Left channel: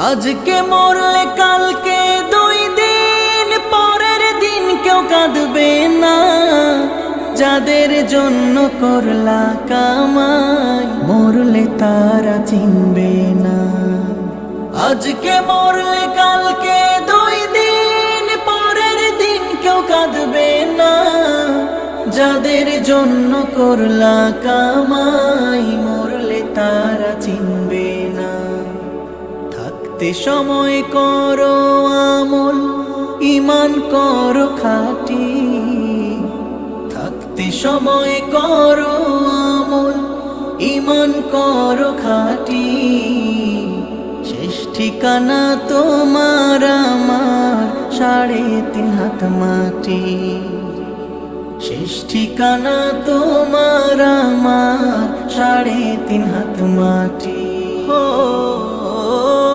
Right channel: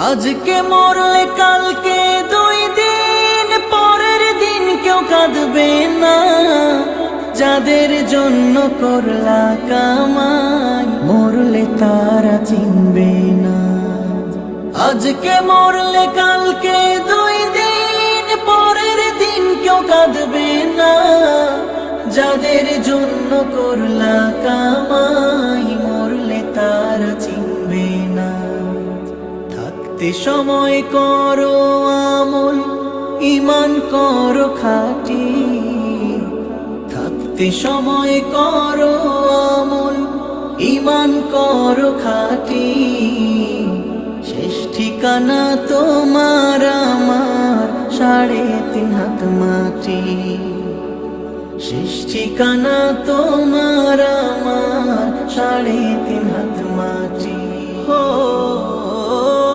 আজকে মরলে কালকে 2 দিন পরের দিন কেউ কাঁদবে না। যাদের জন্য করলা কামাই মরলে তারা চিনবে না। আজকে মরলে কালকে 2 দিন পরের দিন কেউ কাঁদবে না। যাদের জন্য করলা কামাই মরলে তারা চিনবে না। থাকতে সময় করো আমল, ঈমান করো খাঁটি। থাকতে সময় করো আমল, ঈমান করো খাঁটি। শেষ ঠিকানা তোমার আমার 3.5 হাত মাটি। শেষ ঠিকানা তোমার আমার 3.5 হাত মাটি।